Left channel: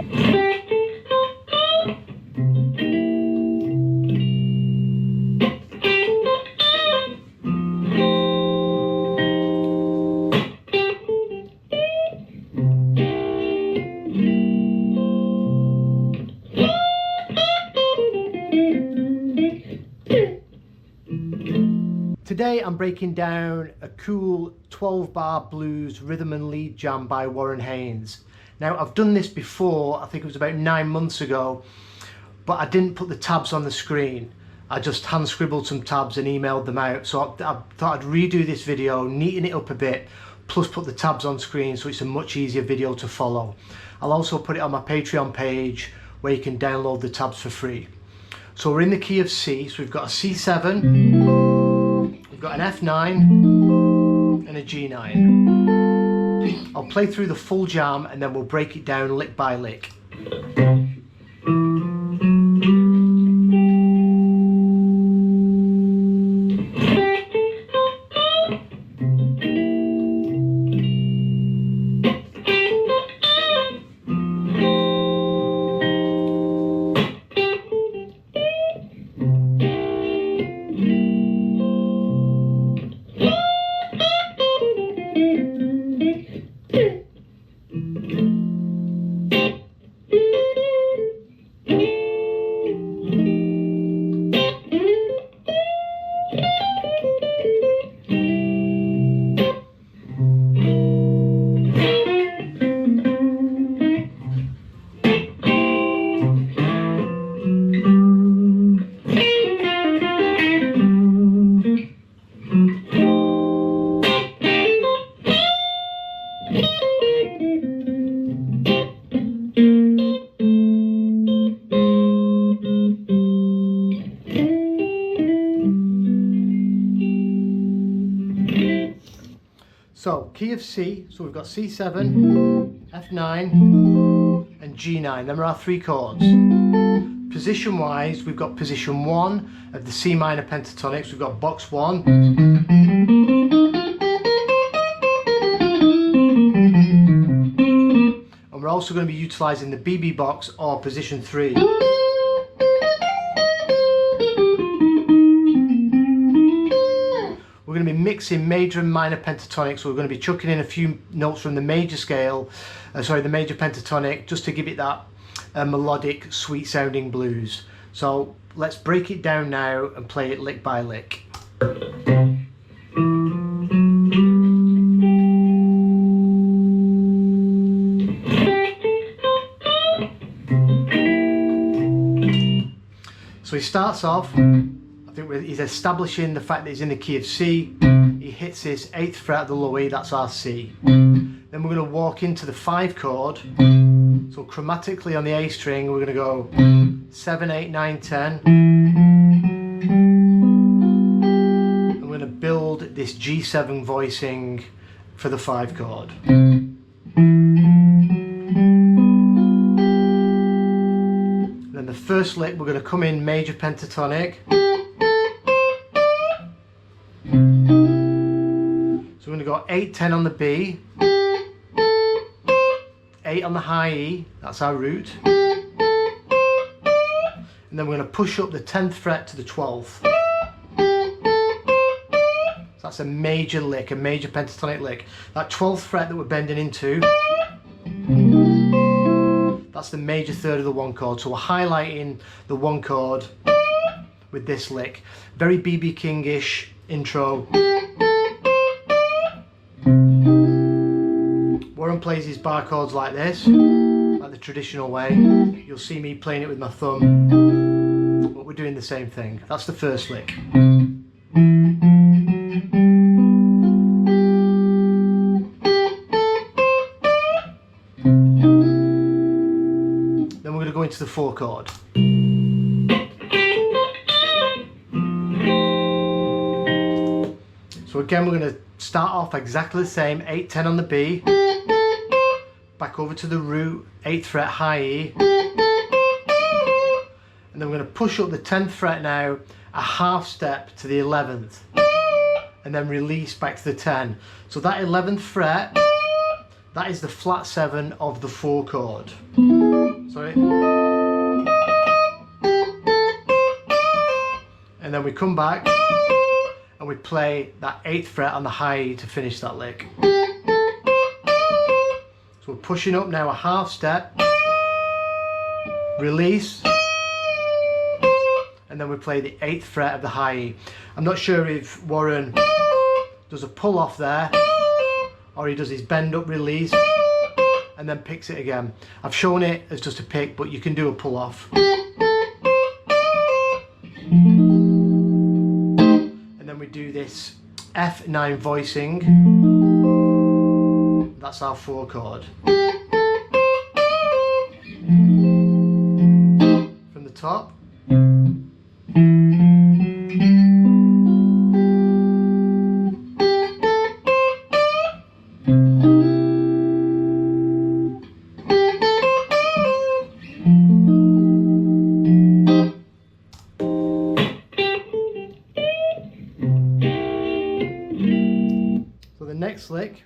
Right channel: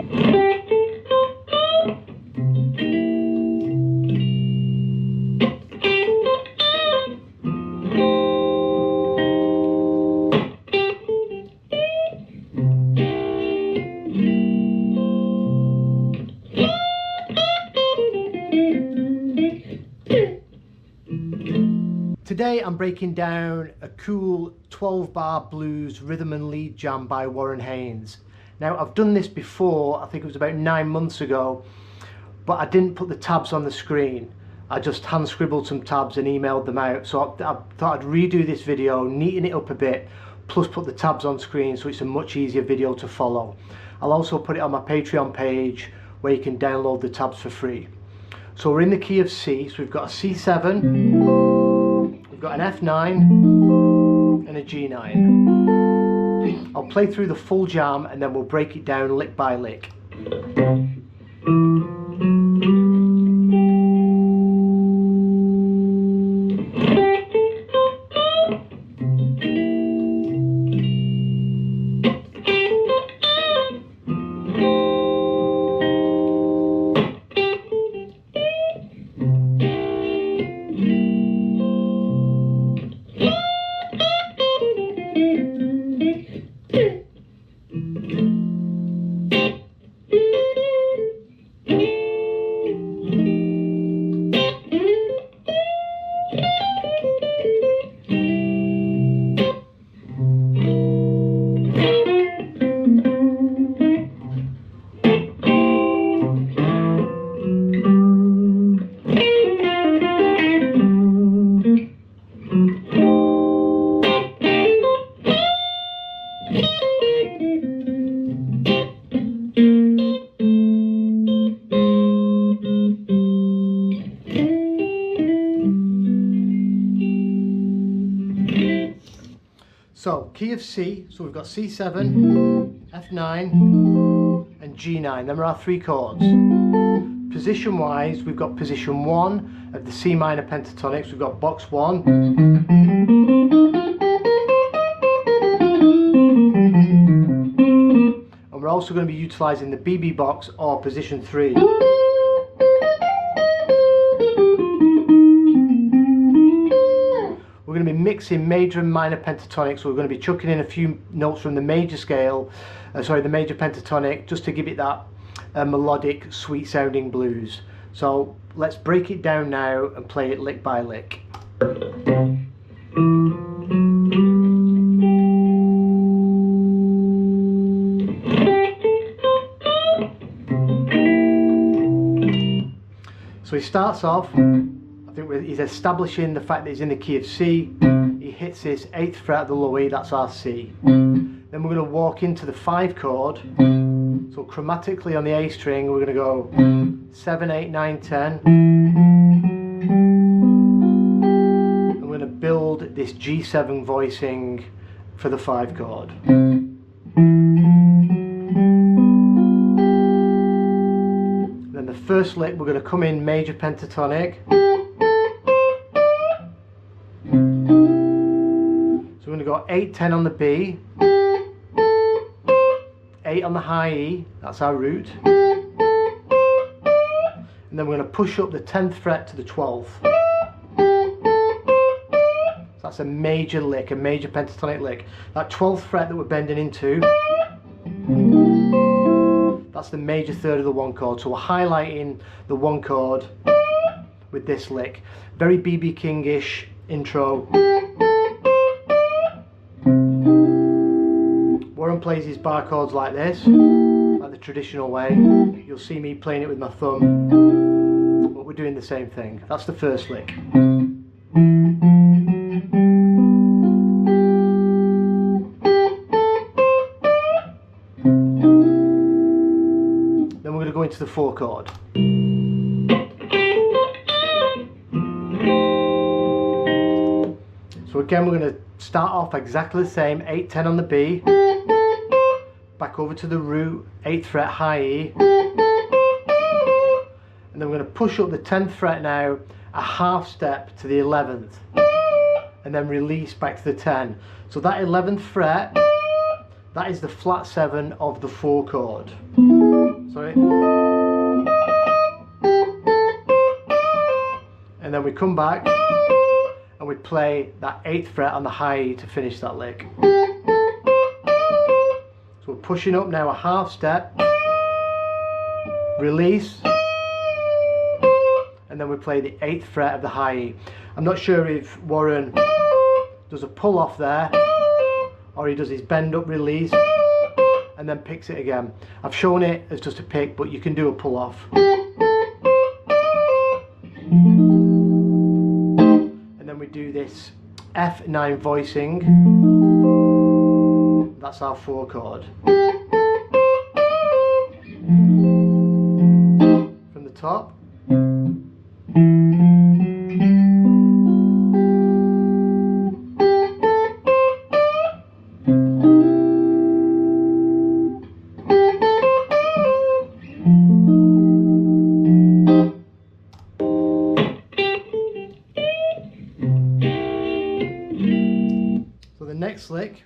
Today I'm breaking down a cool 12-bar blues rhythm and lead jam by Warren Haynes. Now I've done this before, I think it was about 9 months ago, but I didn't put the tabs on the screen. I just hand scribbled some tabs and emailed them out. So I thought I'd redo this video, neaten it up a bit, plus put the tabs on screen so it's a much easier video to follow. I'll also put it on my Patreon page where you can download the tabs for free. So we're in the key of C, so we've got a C7, we've got an F9 and a G9. I'll play through the full jam and then we'll break it down lick by lick. So key of C, so we've got C7, F9 and G9. Them are our 3 chords. Position wise, we've got position 1 of the C minor pentatonics. We've got box 1. And we're also going to be utilising the BB box or position 3. We're going to be mixing major and minor pentatonics, so we're going to be chucking in a few notes from the major scale, the major pentatonic, just to give it that melodic, sweet sounding blues. So let's break it down now and play it lick by lick. So he starts off, I think he's establishing the fact that he's in the key of C. He hits this 8th fret of the low E, that's our C. Then we're going to walk into the 5 chord. So chromatically on the A string, we're going to go 7, 8, 9, 10. I'm going to build this G7 voicing for the 5 chord. Then the first lick, we're going to come in major pentatonic. So we're going to go 8, 10 on the B, 8 on the high E, that's our root, and then we're going to push up the 10th fret to the 12th. So that's a major lick, a major pentatonic lick. That 12th fret that we're bending into, that's the major third of the 1 chord. So we're highlighting the 1 chord with this lick. Very BB King-ish intro. Warren plays his bar chords like this, like the traditional way. You'll see me playing it with my thumb, but we're doing the same thing. That's the first lick. Then we're going to go into the 4 chord. So again, we're going to start off exactly the same, 8, 10 on the B, back over to the root, 8th fret high E, and then we're going to push up the 10th fret now, a half step to the 11th, and then release back to the 10. So that 11th fret, that is the flat 7 of the 4 chord. Sorry. And then we come back and we play that 8th fret on the high E to finish that lick. So we're pushing up now a half step, release, and then we play the 8th fret of the high E. I'm not sure if Warren does a pull off there or he does his bend up release and then picks it again. I've shown it as just a pick, but you can do a pull off. And then we do this F9 voicing. That's our 4 chord. From the top. So the next lick,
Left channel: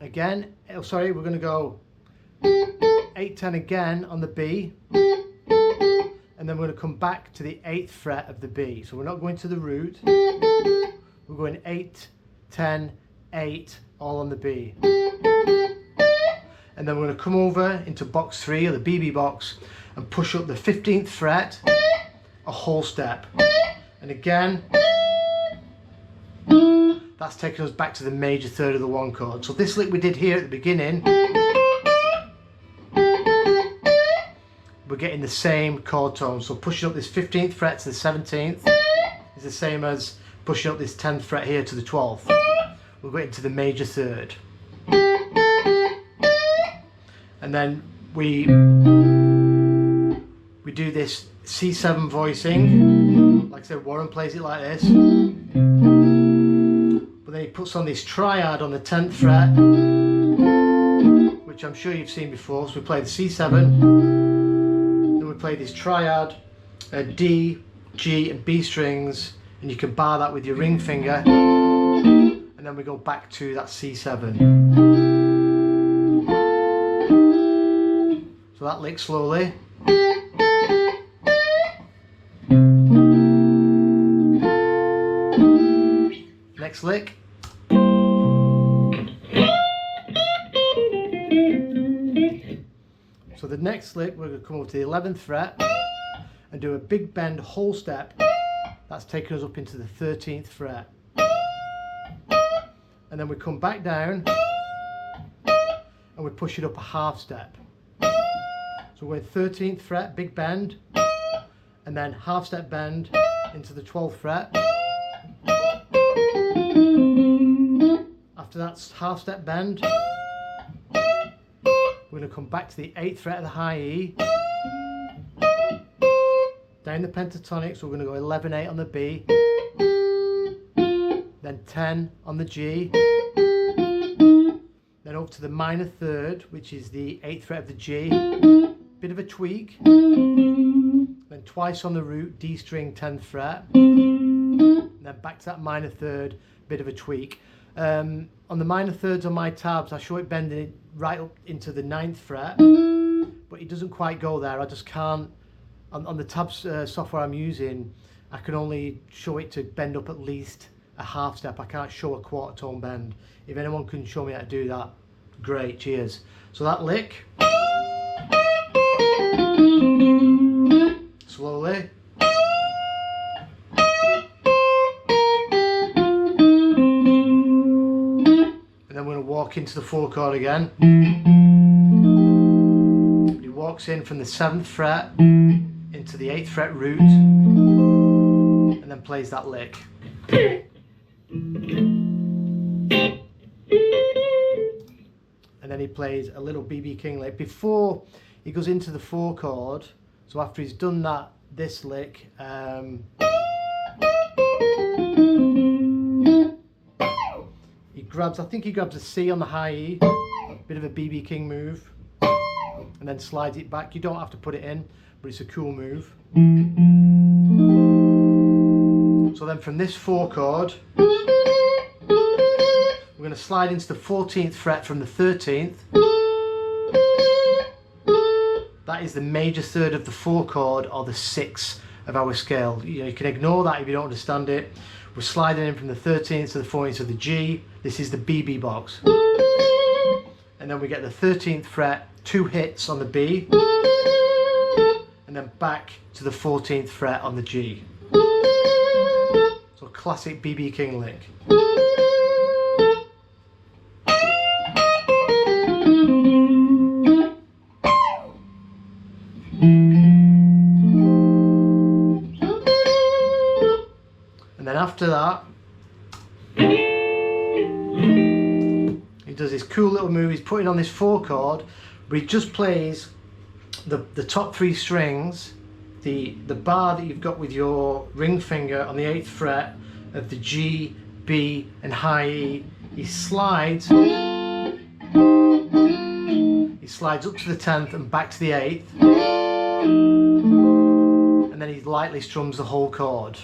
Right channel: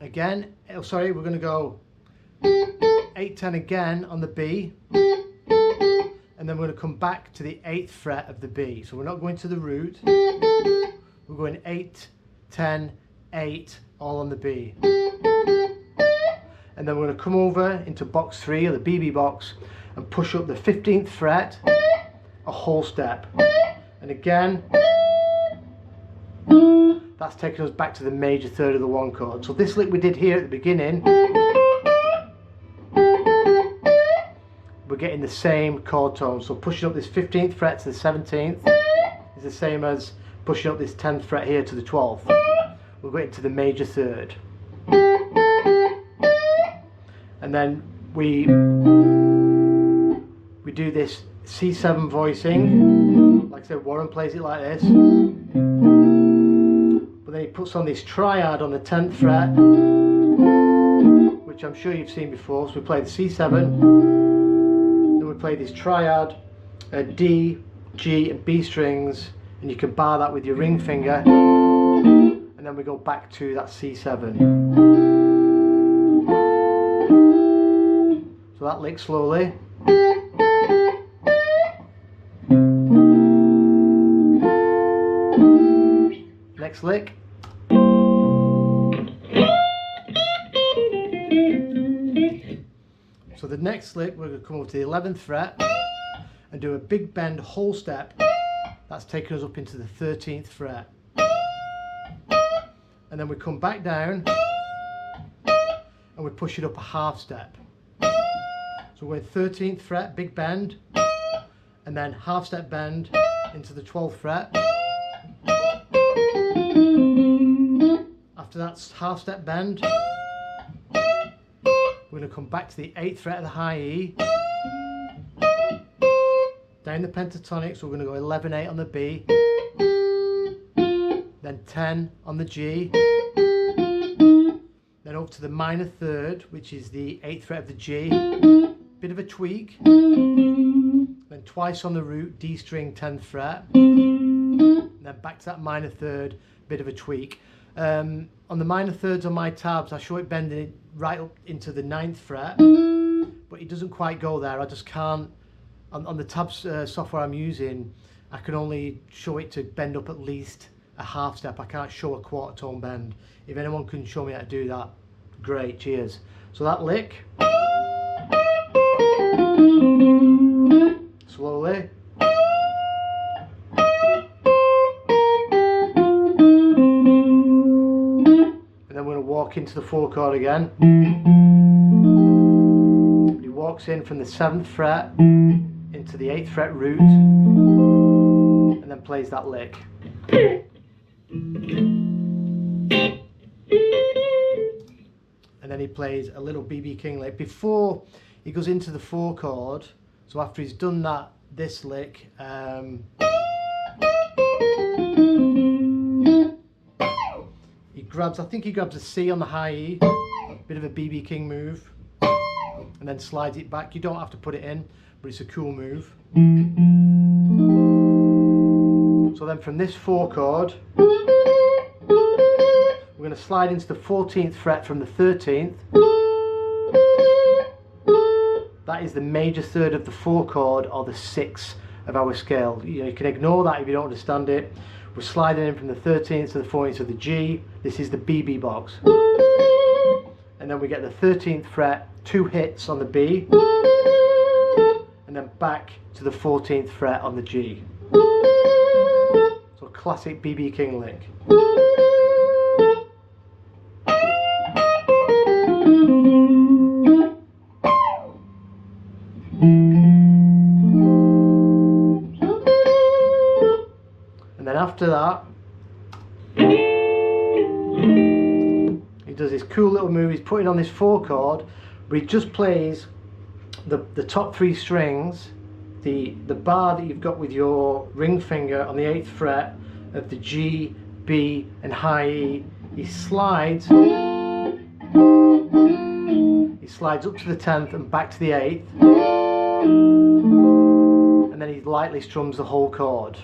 again, oh sorry, we're going to go 8-10 again on the B, and then we're going to come back to the 8th fret of the B. So we're not going to the root, we're going 8, 10, 8, all on the B. And then we're going to come over into box 3, or the BB box, and push up the 15th fret a whole step. And again, that's taking us back to the major third of the 1 chord. So this lick we did here at the beginning, we're getting the same chord tone. So pushing up this 15th fret to the 17th is the same as pushing up this 10th fret here to the 12th. We're going to the major third. And then we do this C7 voicing. Like I said, Warren plays it like this. But then he puts on this triad on the 10th fret, which I'm sure you've seen before. So we play the C7, then we play this triad, D, G and B strings, and you can bar that with your ring finger, and then we go back to that C7. So that lick slowly. Next lick. So the next lick, we're going to come over to the 11th fret and do a big bend whole step. That's taking us up into the 13th fret. And then we come back down and we push it up a half step. So we're 13th fret, big bend, and then half step bend into the 12th fret. After that half step bend, we're going to come back to the 8th fret of the high E, down the pentatonic, so we're going to go 11-8 on the B, then 10 on the G, then up to the minor third, which is the 8th fret of the G, bit of a tweak, then twice on the root, D string 10th fret, and then back to that minor third, bit of a tweak. On the minor thirds on my tabs, I show it bending it right up into the 9th fret, but it doesn't quite go there. I just can't, on the tabs software I'm using, I can only show it to bend up at least a half step. I can't show a quarter tone bend. If anyone can show me how to do that, great, cheers. So that lick, slowly. Then we're going to walk into the 4 chord again. He walks in from the 7th fret into the 8th fret root and then plays that lick. And then he plays a little BB King lick before he goes into the 4 chord. So after he's done that, this lick, I think he grabs a C on the high E, bit of a BB King move, and then slides it back. You don't have to put it in, but it's a cool move. So then from this 4 chord, we're going to slide into the 14th fret from the 13th, that is the major third of the 4 chord, or the 6 of our scale. You can ignore that if you don't understand it. We're sliding in from the 13th to the 14th of the G. This is the BB box. And then we get the 13th fret, 2 hits on the B, and then back to the 14th fret on the G. So classic BB King lick. And then after that, he does this cool little move. He's putting on this 4 chord, but he just plays the top 3 strings, the bar that you've got with your ring finger on the 8th fret of the G, B and high E. He slides up to the 10th and back to the 8th, and then he lightly strums the whole chord.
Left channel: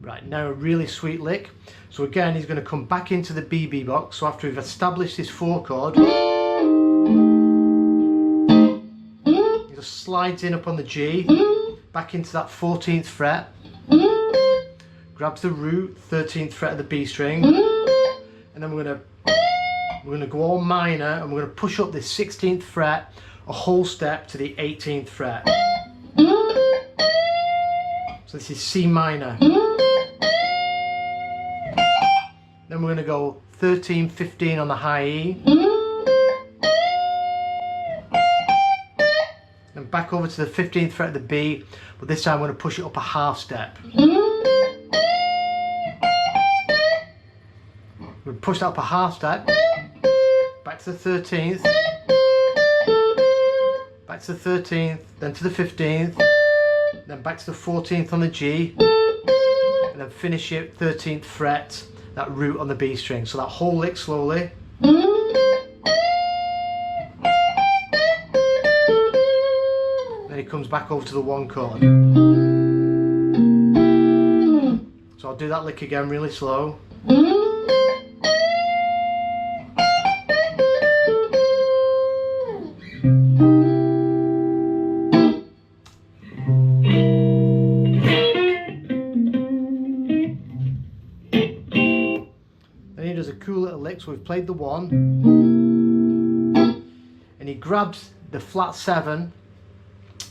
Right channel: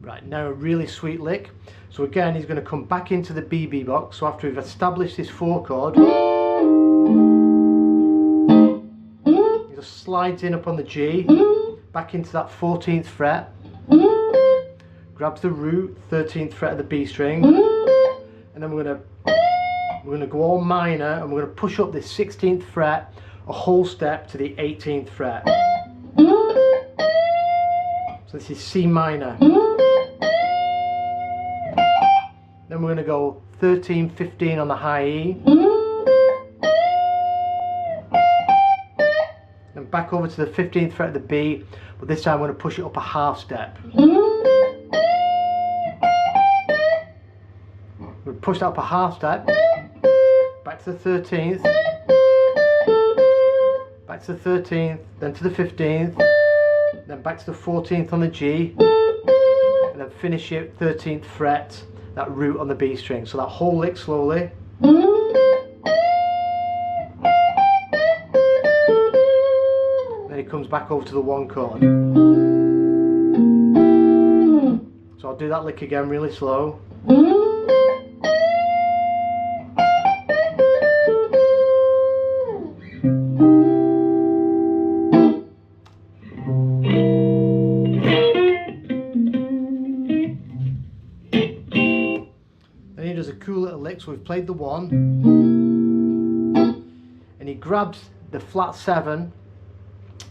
Right, now a really sweet lick. So again, he's going to come back into the BB box. So after we've established this 4 chord, he just slides in up on the G, back into that 14th fret, grabs the root, 13th fret of the B string, and then we're going to go all minor, and we're going to push up this 16th fret a whole step to the 18th fret. So this is C minor. Then we're going to go 13, 15 on the high E, and back over to the 15th fret of the B, but this time I'm going to push it up a half step. We'll push that up a half step, back to the 13th, back to the 13th, then to the 15th, then back to the 14th on the G, and then finish it 13th fret, that root on the B string. So that whole lick slowly. Then it comes back over to the 1 chord. So I'll do that lick again really slow. Then he does a cool little lick. So we've played the 1, and he grabs the flat 7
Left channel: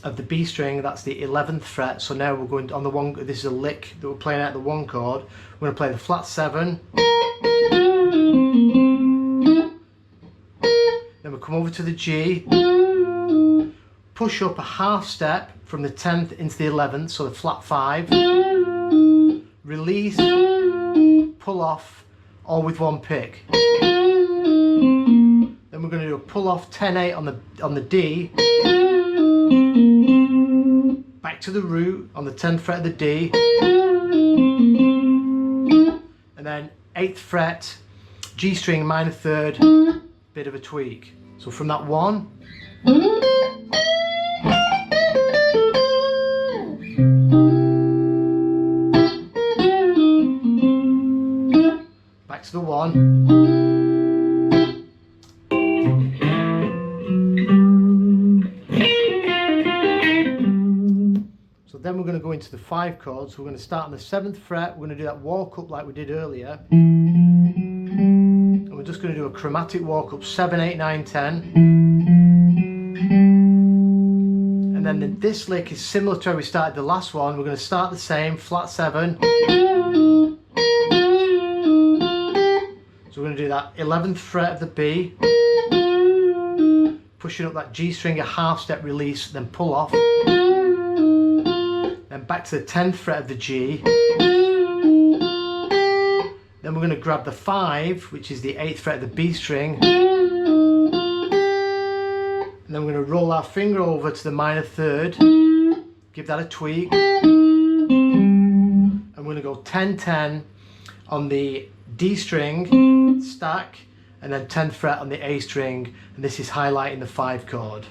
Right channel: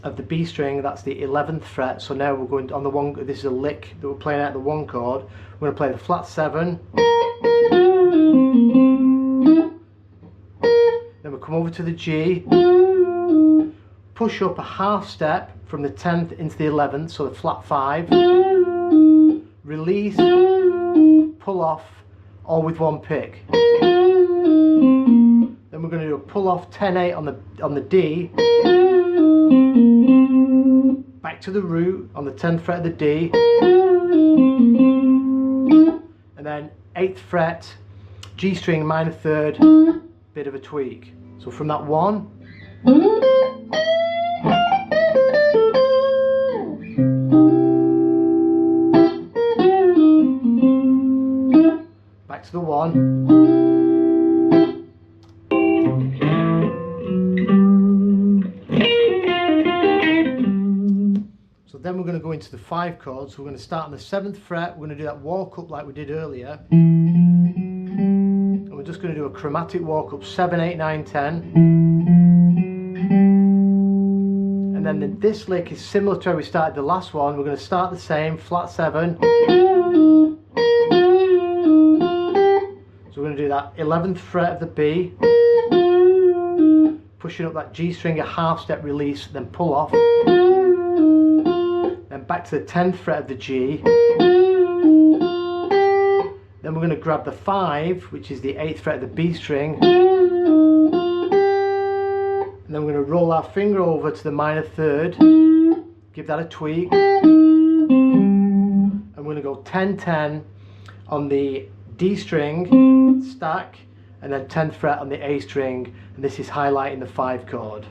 of the B string, that's the 11th fret. So now we're going on the 1, this is a lick that we're playing out the 1 chord. We're going to play the flat 7, then we'll come over to the G, push up a half step from the 10th into the 11th, so the flat 5, release, pull off, all with 1 pick. Then we're going to do a pull off 10-8 on the D, back to the root on the 10th fret of the D, and then 8th fret, G string minor 3rd, bit of a tweak. So from that 1, back to the 1, so then we're going to go into the 5 chords. So we're going to start on the 7th fret, we're going to do that walk up like we did earlier, and we're just going to do a chromatic walk up 7, 8, 9, 10, and then this lick is similar to how we started the last one. We're going to start the same, flat 7, so we're going to do that 11th fret of the B, pushing up that G string a half step, release, then pull off, then back to the 10th fret of the G, then we're going to grab the 5, which is the 8th fret of the B string, and then we're going to roll our finger over to the minor 3rd, give that a tweak, and we're going to go 10-10 on the D string, stack, and then 10th fret on the A string, and this is highlighting the 5 chord.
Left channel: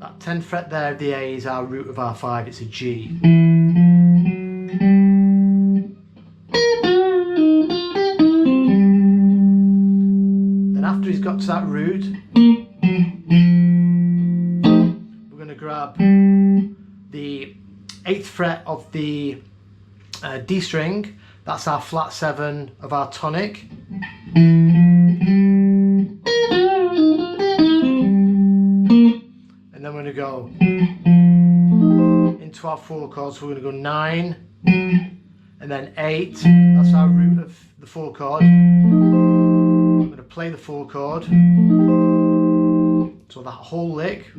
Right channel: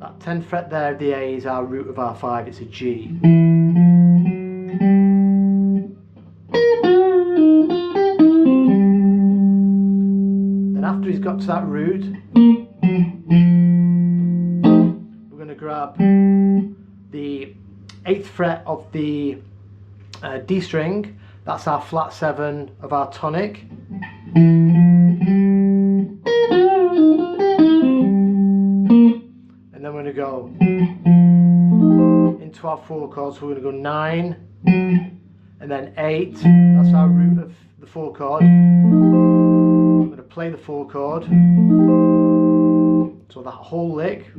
That 10th fret there of the A is our root of our 5, it's a G. Then after he's got to that root, we're going to grab the 8th fret of the D string, that's our flat 7 of our tonic. And then we're going to go into our 4 chords, so we're going to go 9 and then 8, that's our root of the 4 chord. I'm going to play the 4 chord, so that whole lick.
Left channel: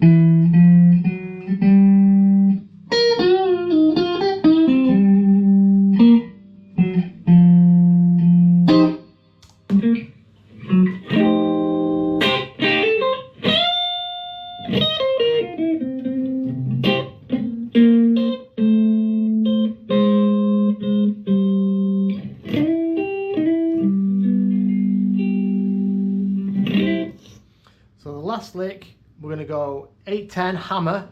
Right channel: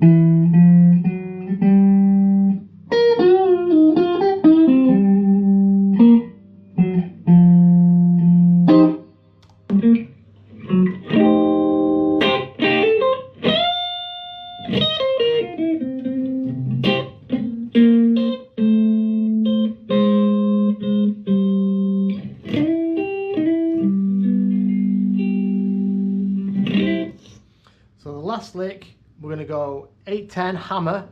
So the last lick, we're going to go 8-10 hammer,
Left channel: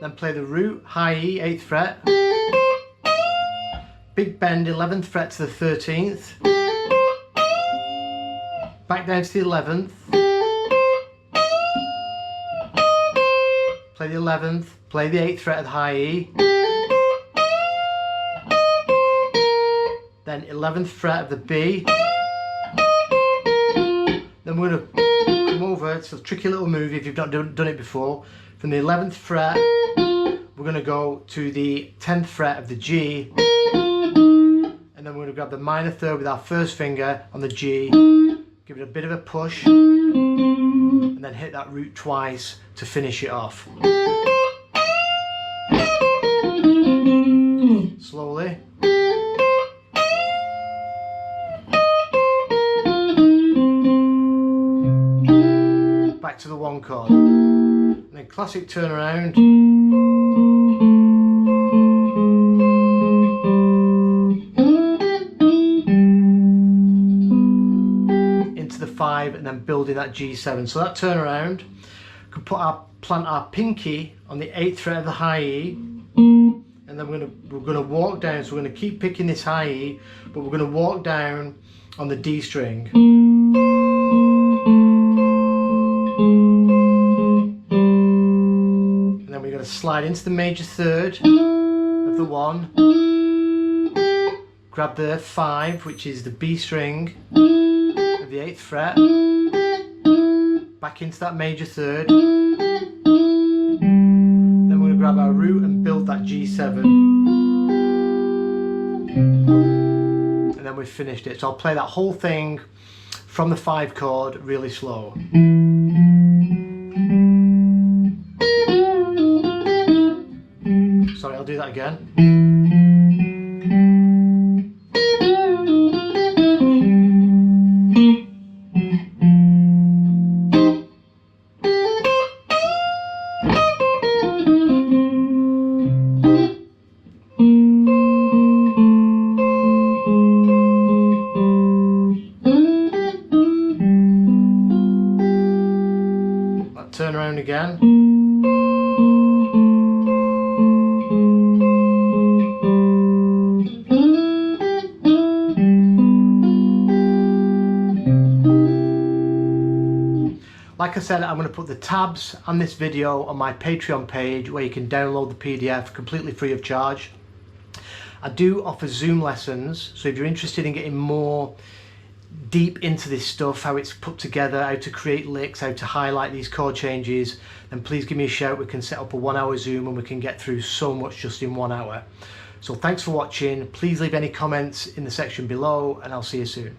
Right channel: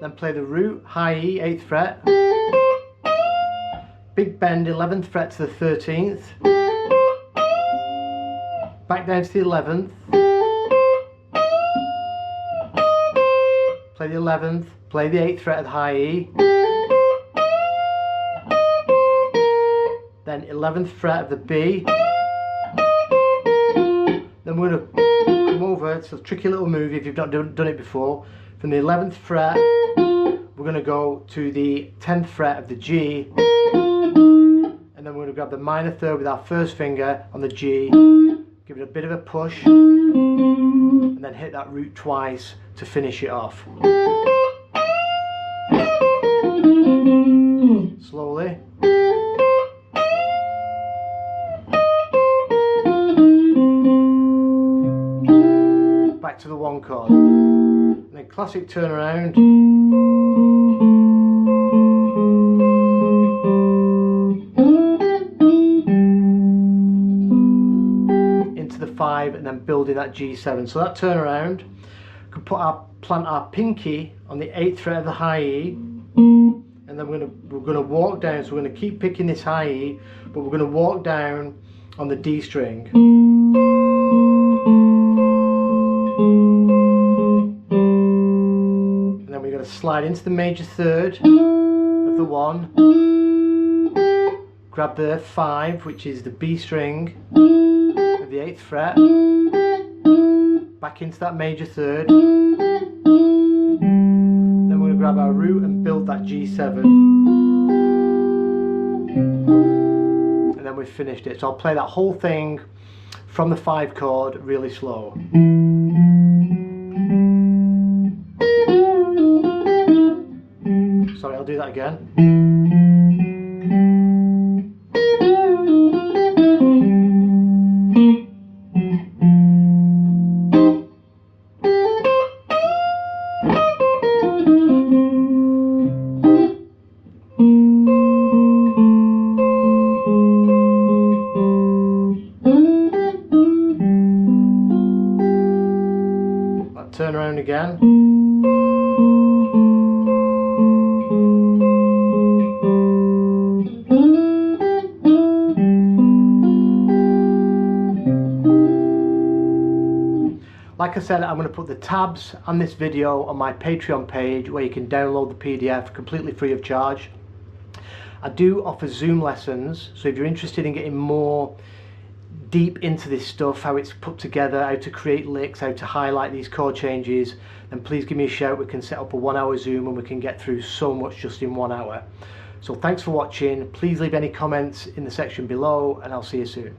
then play the root, high E, 8th fret, big bend 11th fret to the 13th, back down to the 11th, play the 11th, play the 8th fret of the high E, then 11th fret of the B. Then we're going to come over, it's a tricky little move if you've not done it before. From the 11th fret, we're going to go to the 10th fret of the G, and then we're going to grab the minor third with our first finger on the G, give it a bit of a push, and then hit that root twice to finish it off. Slowly. Back to the 1 chord, and then classic turnaround, into the 5, and then building that G7. So that turnaround, we can plant our pinky on the 8th fret of the high E, and then we're going to walk down. So we're going to keep picking this high E, but we're going to walk down on the D string. We're going to slide into the major third of the 1, grab the 5, which is the B string of the 8th fret, back into that major third, then we're going to grab our root and build that G7, and then we've finished it. So I'll play that whole thing from the 5 chord really slow. Sorry, I'll do that again. Turn around again. Like I said, I'm going to put the tabs on this video on my Patreon page where you can download the PDF completely free of charge. I do offer Zoom lessons, so if you're interested in getting more deep into this stuff, how it's put together, how to create licks, how to highlight these chord changes, then please give me a shout. We can set up a 1 hour Zoom and we can get through so much just in 1 hour. So thanks for watching. Please leave any comments in the section below, and I'll see you soon.